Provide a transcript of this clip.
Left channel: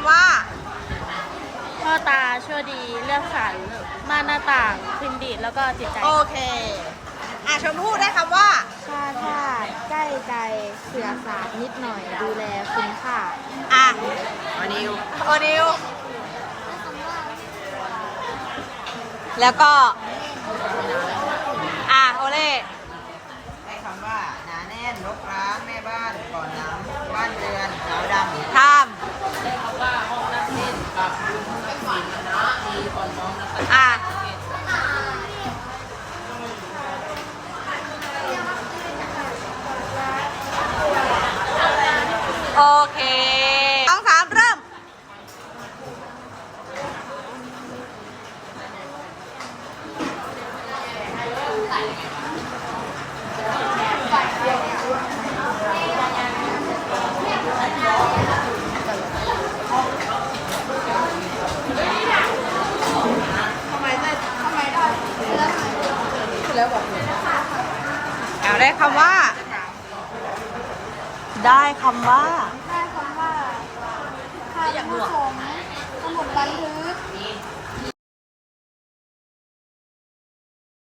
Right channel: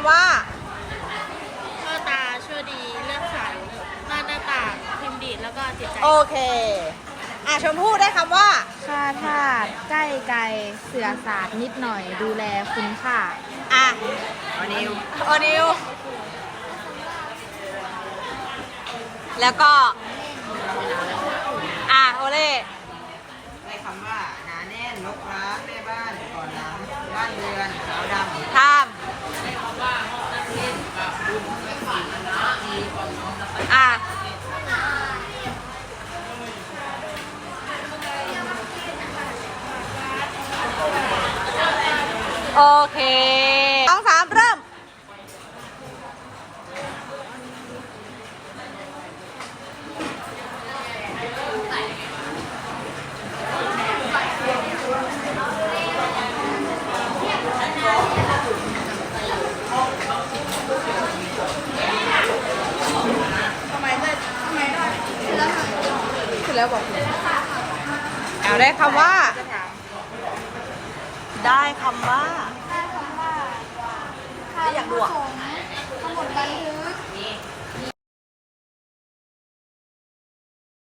ำว่า พ่อตาชั่วดีเลือกใสม่านหน้าต่างพินดีดแล้วก็จิตใจโอเค อะชมพู่ได้คำว่า ค่าท่าใกล้ไกลเสือสารนิดหน่อยดูแลคุ้มค่าอะอนิวโอนิวแล้วก็ อะโอเล่ได้คำว่าหนาแน่นลกร้างแม่บ้านก่อนน้ำบ้านเรือนสาวดำทาม อะโอเคสองสามเริ่ม เอาได้คำว่า ได้คำว่าถ้าผู้ชมสมุดบันทึก